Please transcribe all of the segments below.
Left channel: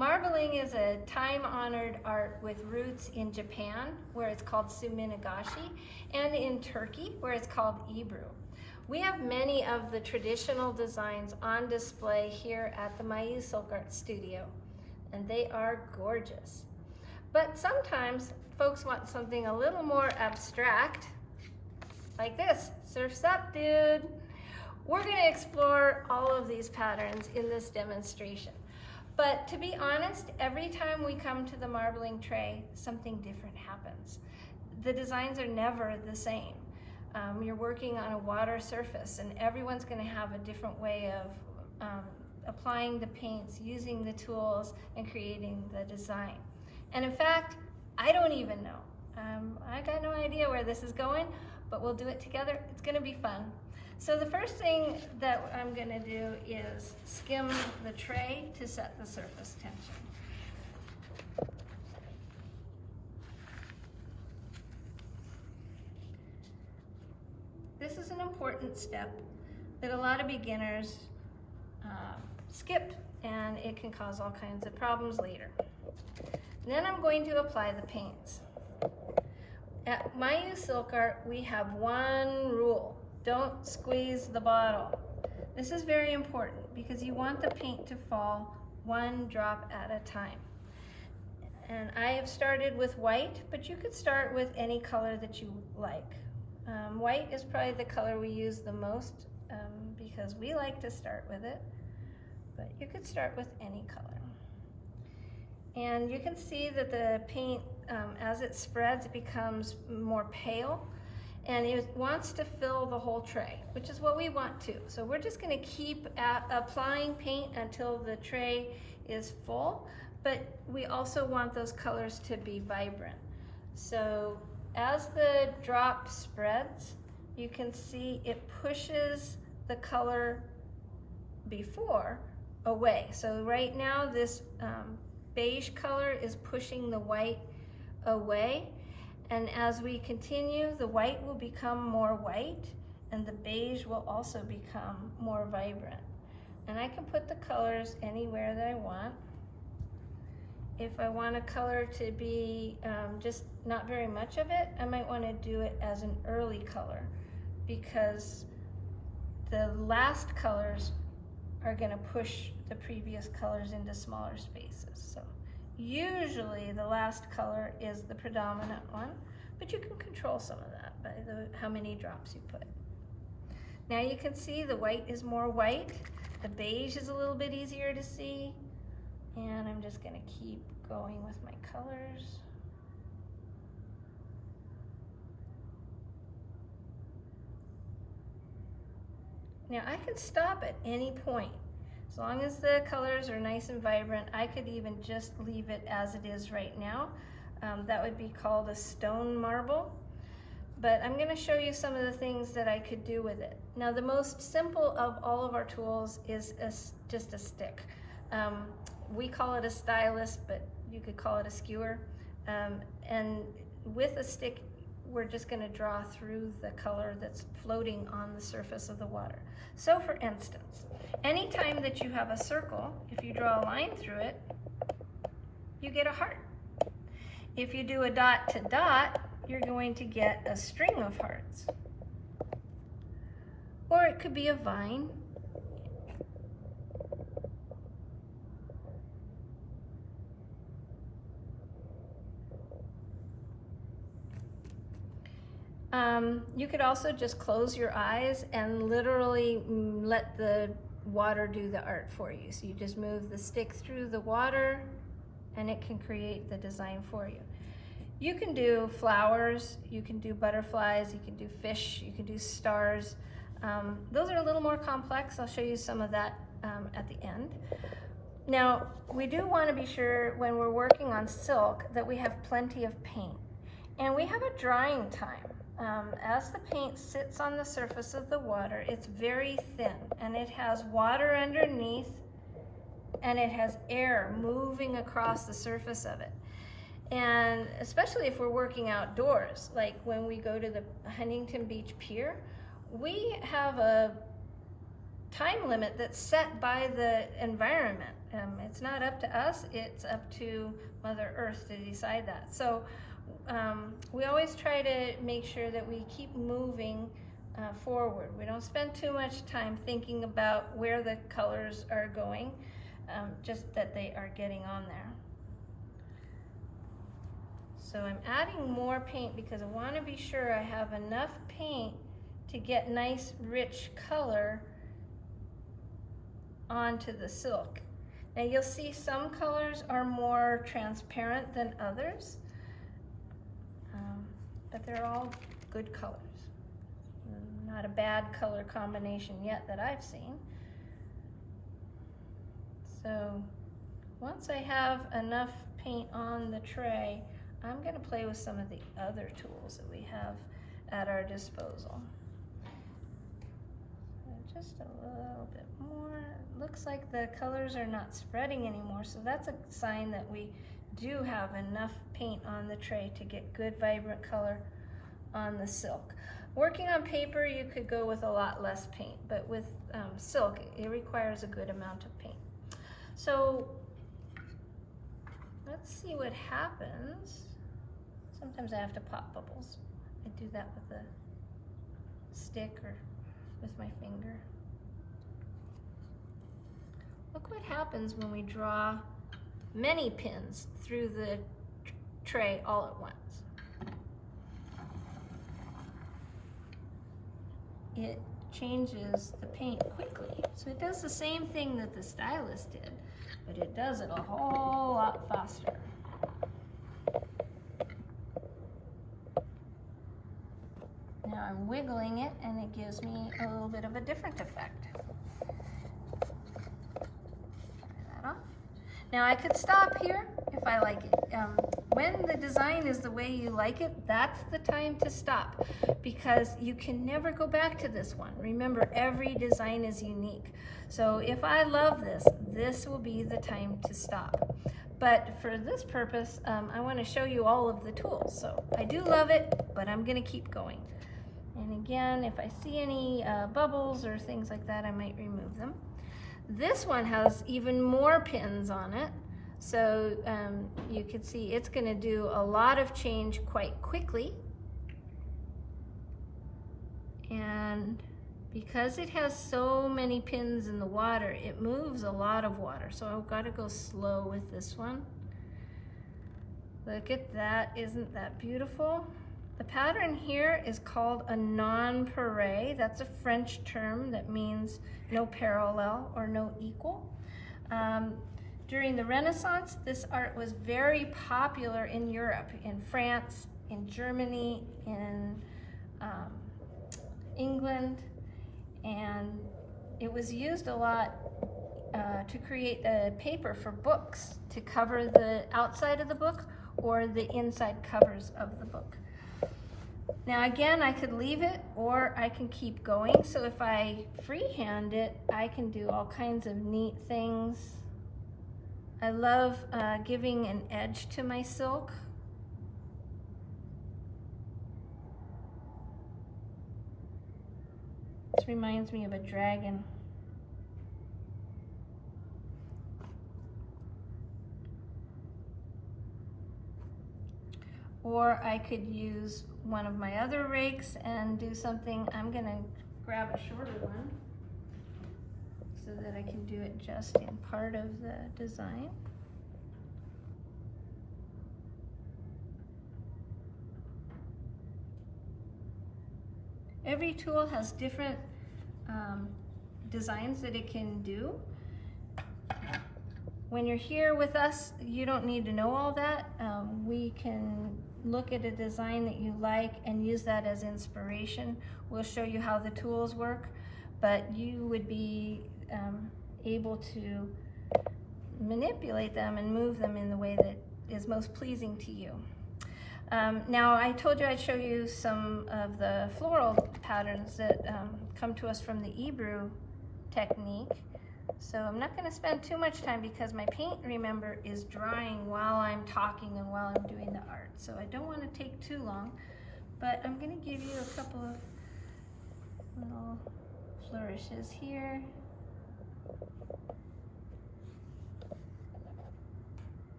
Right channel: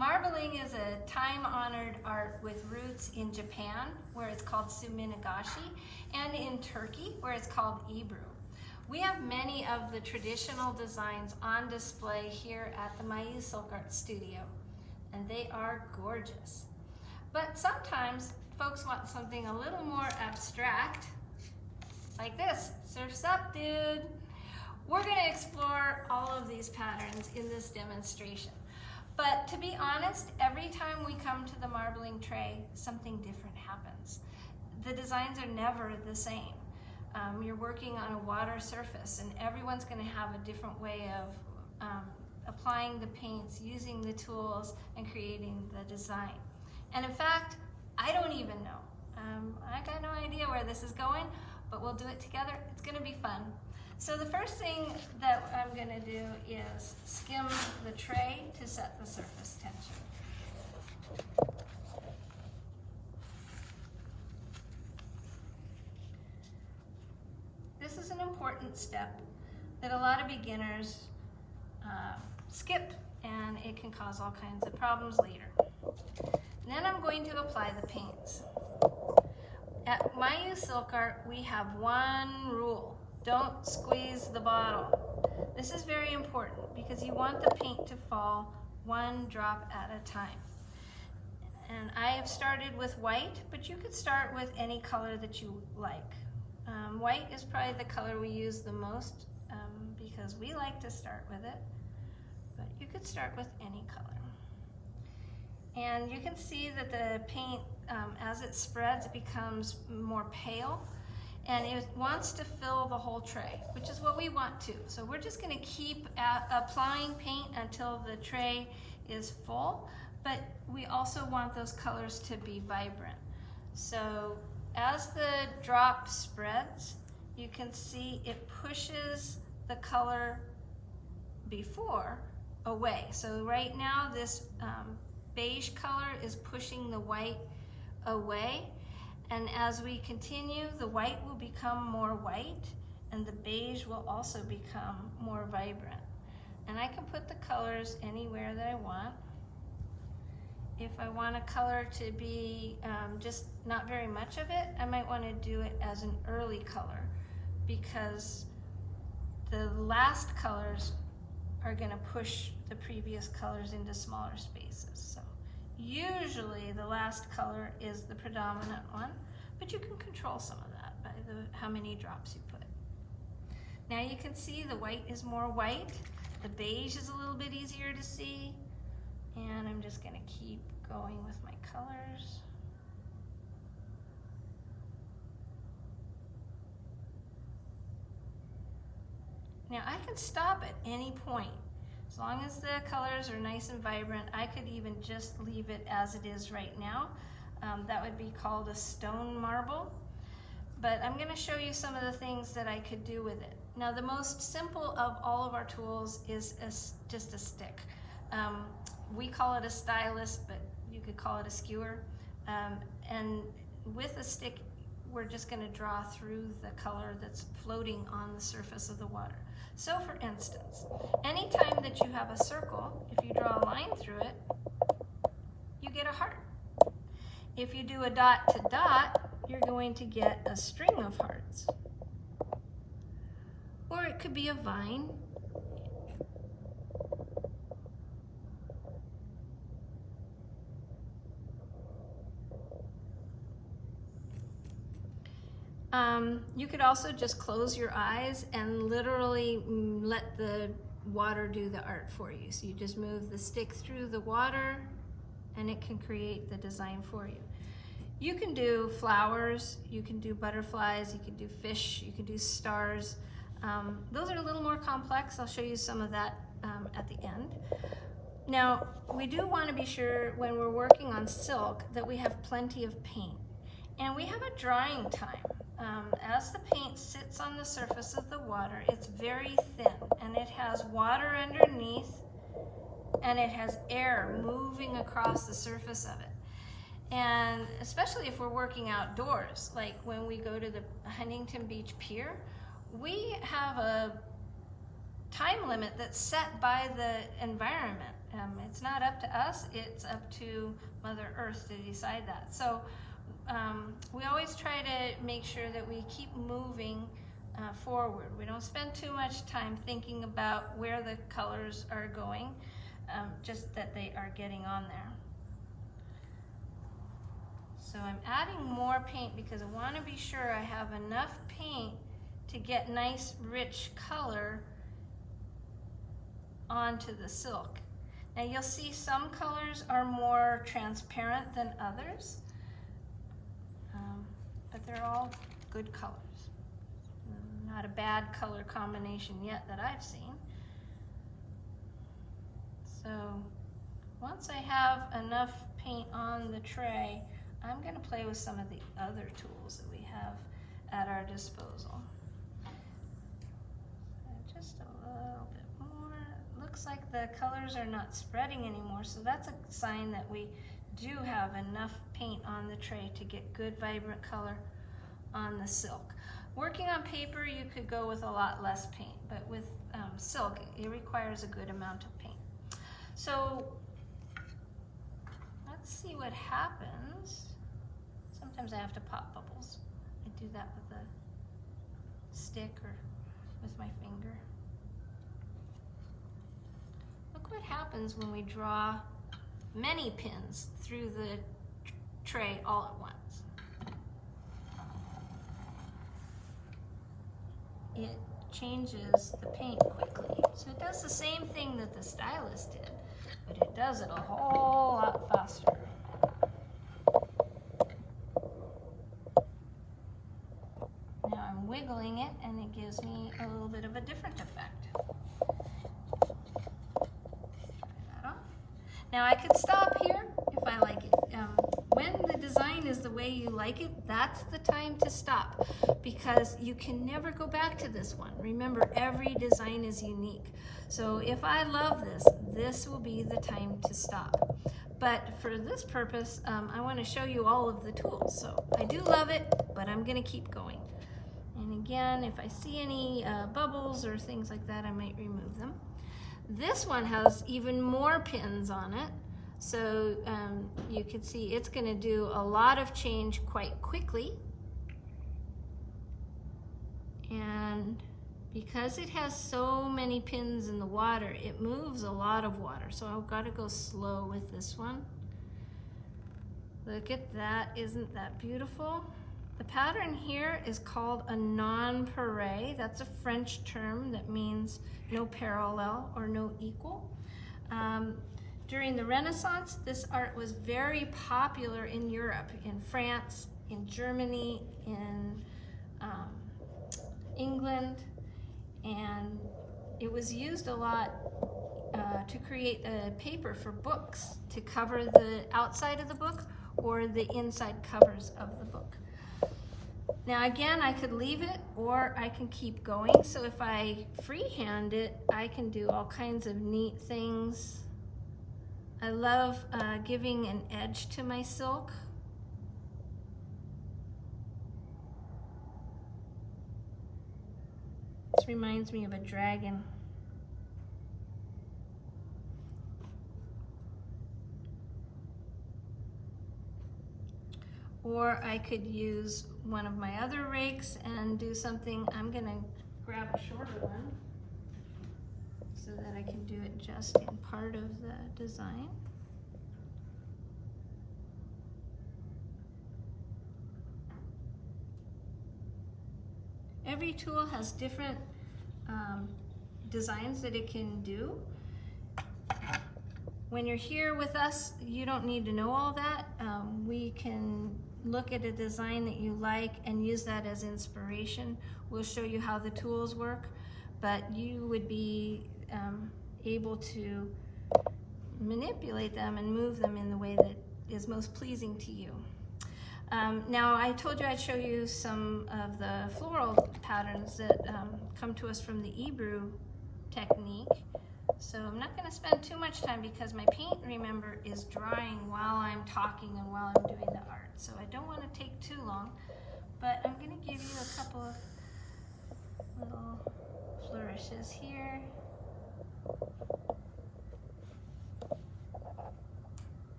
Marbling is a time-honored art with roots in Japan, where it's called suminagashi, and in Turkey, where it's called Ebru. We have many of the traditional designs on display here at the Mayu Silk Art Studio, and they are gorgeous. But sometimes folks want something a little more abstract, like this. Surf's up, dude. We're going to explore all of these patterns in this demonstration. But to be honest, every time we come to the marbling tray, something different happens. The designs are never the same. You're working on a water surface, and everyone's going to have a different way of applying the paints, using the tools, and creating the design. And in fact, I don't even know. I got no idea where this is going, but we'll do it together. It's going to be fun. So the first thing that I'm going to do is skim the tray to set the surface tension. This is an important step that a lot of beginners skip, and it can cause all kinds of problems later. Then I'm going to apply the paints. At Mayu Silk Art, we have one rule. Don't squeeze the bottle. This is very important because you want the paint to fall one drop at a time. And I have started with white, but you could start with any color that you like. White is probably the color we use the most because we like to start with it, but you could start with any color. And you can see that the paint, as it spreads, it becomes more pale, and it wants to fill the whole tray, which is what we want to. So we're just going to keep applying paint until the tray is full, but we also want those colors to be vibrant. So as the drop spreads, you can see it pushes the color before away. So right now this beige color is pushing the white away, and as we continue, the white will become more white and the beige will also become more vibrant. And I can put the colors anywhere that I want. If I want a color to be just not very much of it, I might want to do it as an early color, because the last colors are going to push the previous colors into smaller spaces. So usually the last color is the predominant one, but you can control some of that by how many drops you put. Now you can see the white is more white, the beige is a little bit easier to see, and I'm just going to keep going with my colors. Now I can stop at any point. As long as the colors are nice and vibrant, I could even just leave it as it is right now. That would be called a stone marble. But I'm going to show you some of the things that I could do with it. Now the most simple of all of our tools is just a stick. We call it a stylus, but you could call it a skewer. And with a stick, we're just going to draw through the color that's floating on the surface of the water. So for instance, anytime that you have a circle, if you draw a line through it, you get a heart. If you do a dot to dot, you're going to get a string of hearts. Or it could be a vine. You could also just close your eyes and literally let the water do the art for you. So you just move the stick through the water and it can create the design for you. You can do flowers, you can do butterflies, you can do fish, you can do stars. Those are a little more complex. I'll show you some of that at the end. Now, we do want to be sure when we're working on silk that we have plenty of paint. And we have a drying time. As the paint sits on the surface of the water, it's very thin, and it has water underneath, and it has air moving across the surface of it. And especially if we're working outdoors, like when we go to the Huntington Beach Pier, we have a time limit that's set by the environment. It's not up to us, it's up to Mother Earth to decide that. So we always try to make sure that we keep moving forward. We don't spend too much time thinking about where the colors are going, just that they are getting on there. So I'm adding more paint because I want to be sure I have enough paint to get nice rich color onto the silk. Now you'll see some colors are more transparent than others, but they're all good colors. Not a bad color combination yet that I've seen. So once I have enough paint on the tray, I'm going to play with some of the other tools that we have at our disposal. Just a little bit more. Looks like the colors are not spreading anymore, so that's a sign that we do have enough paint on the tray to get good vibrant color on the silk. Working on paper, you could go with a lot less paint, but with silk, it requires a good amount of paint. So let's see what happens. Sometimes I have to pop bubbles. I do that with a stick or with my finger. Look what happens when we draw many pins through the tray all at once. It changes the paint quickly. So it does the same thing that the stylus did, but it does it a whole lot faster. Now I'm wiggling it and it gives me a little bit of a different effect. Now I could stop here if I like it. When the design is the way you like it, that's the time to stop, because you can never go back to this one. Remember, every design is unique. So if I love this, this will be the time to stop. But for this purpose, I want to show you all of the tools. So I do love it, but I'm going to keep going. And again, if I see any bubbles or things like that, I might remove them. This one has even more pins on it, so you can see it's going to do a lot of change quite quickly. And because it has so many pins in the water, it moves a lot of water, so I've got to go slow with this one. Look at that, isn't that beautiful? The pattern here is called a non-pareil. That's a French term that means no parallel or no equal. During the Renaissance, this art was very popular in Europe, in France, in Germany, in England, and it was used a lot to create a paper for books, to cover the outside of the book or the inside covers of the book. Now again, I could leave it or I can keep going. So if I freehand it, I can do all kinds of neat things. I love giving an edge to my silk. This reminds me of a dragon. Or I could use one of my other rakes and do something. I'm gonna grab a shorter one so that I can do it just in part of the design. Every tool has different designs that it can do. When you're here with us, you don't need to know all that. We can look at a design that you like and use that as inspiration. We'll show you how the tools work, but you would be able to manipulate them and move them in the way that is most pleasing to you. Now, I told you I'd show you some of the floral patterns that come to us from the Hebrew technique. So I'm not going to spend too much time because my paint, remember, is drying while I'm talking and while I'm doing the art. So I don't want to take too long, but I'm going to give you a couple of little flourishes here.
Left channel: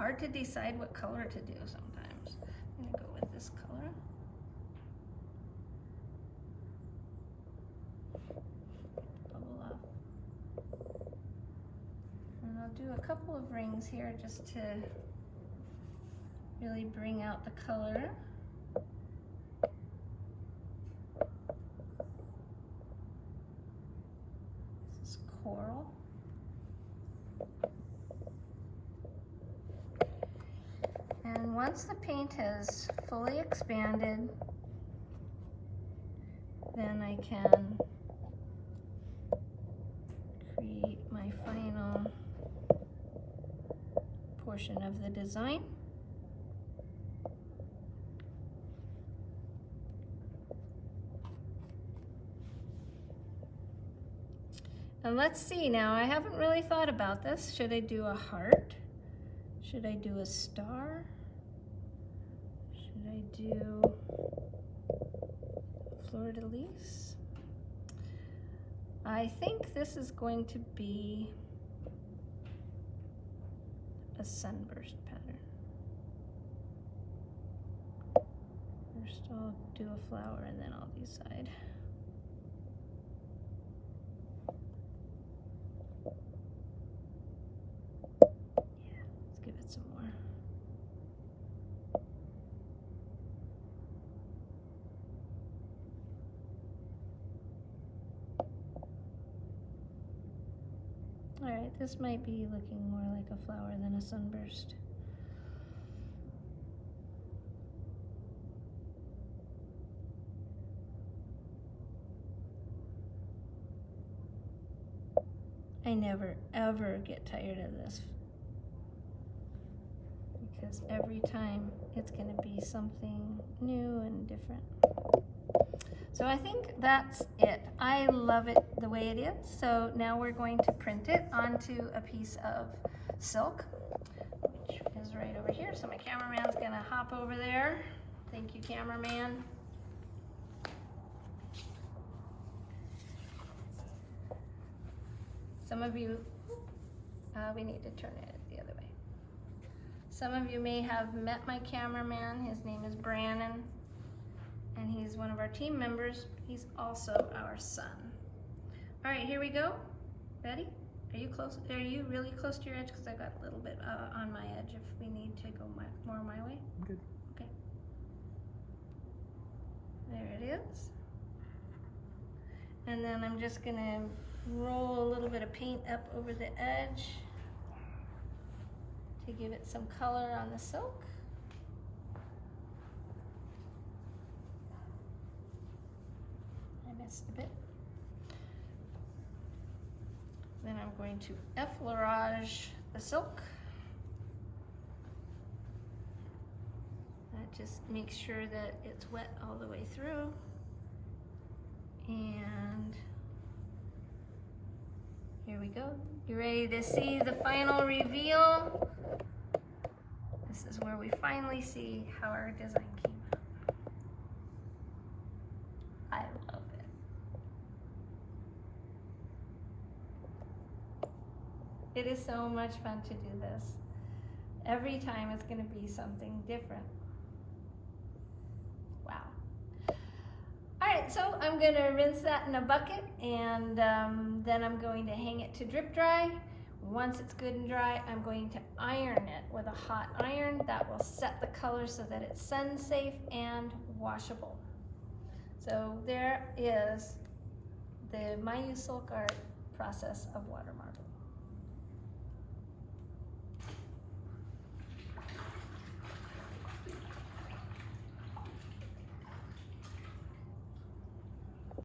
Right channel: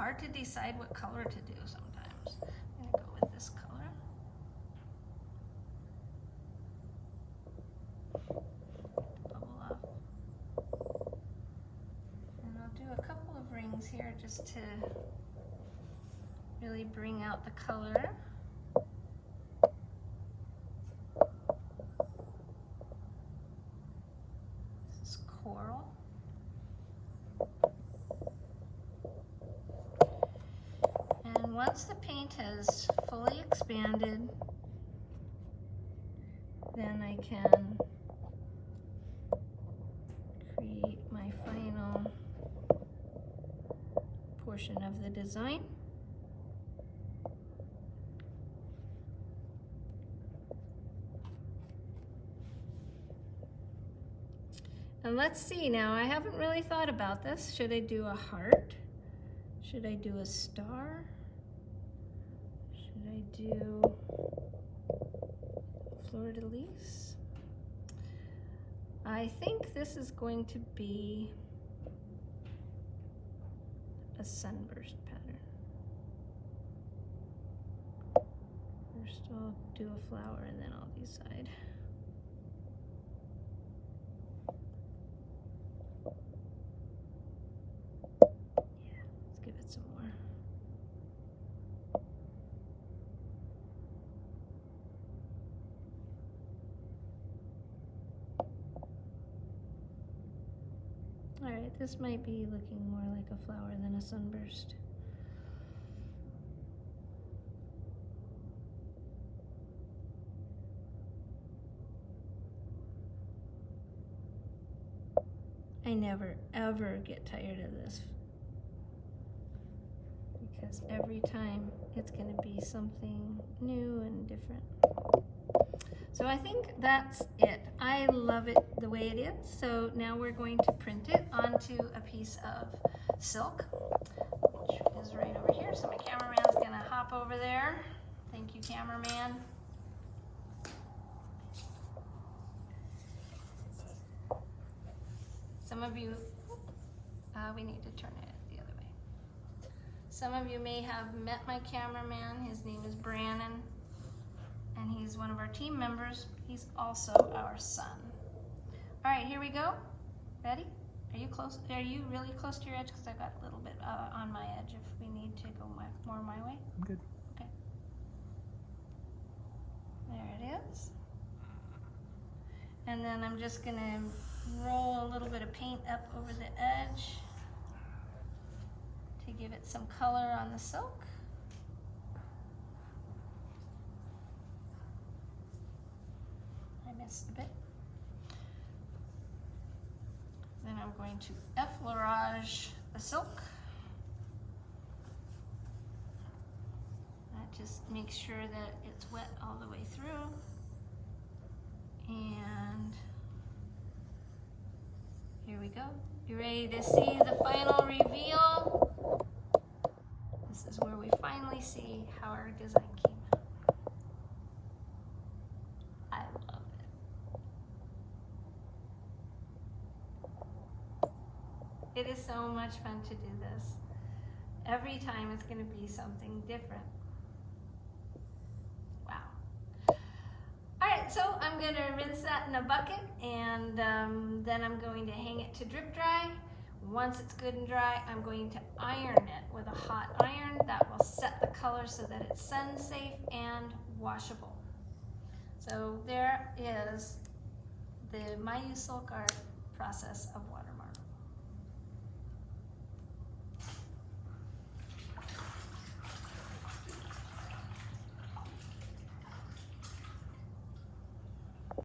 hard to decide what color to do sometimes. I'm gonna go with this color. Bubble off. And I'll do a couple of rings here just to really bring out the color. This is coral. And once the paint has fully expanded, then I can create my final portion of the design. And let's see now, I haven't really thought about this. Should I do a heart? Should I do a star? Should I do fleur de lis? I think this is going to be a sunburst pattern. First I'll do a flower and then I'll decide. Some more. All right, this might be looking more like a flower than a sunburst. I never ever get tired of this, because every time it's going to be something new and different. So I think that's it. I love it the way it is. So now we're going to print it onto a piece of silk, which is right over here. So my cameraman's going to hop over there. Thank you, cameraman. Some of you, we need to turn it the other way. Some of you may have met my cameraman. His name is Brannon, and he's one of our team members. He's also our son. All right, here we go. Ready? Are you close? Are you really close to your edge? Because I've got a little bit on my edge if we need to go more my way. I'm good. Okay. There it is. And then I'm just gonna roll a little bit of paint up over the edge to give it some color on the silk. I missed a bit. Then I'm going to effleurage the silk. That just makes sure that it's wet all the way through. And here we go. You ready to see the final reveal? This is where we finally see how our design came out. I love it. It is so much fun to do this. Every time it's going to be something different. Wow. All right, so I'm going to rinse that in a bucket, and then I'm going to hang it to drip dry. Once it's good and dry, I'm going to iron it with a hot iron. That will set the color so that it's sun safe and washable. So there is the Mayu silk art process of water marble.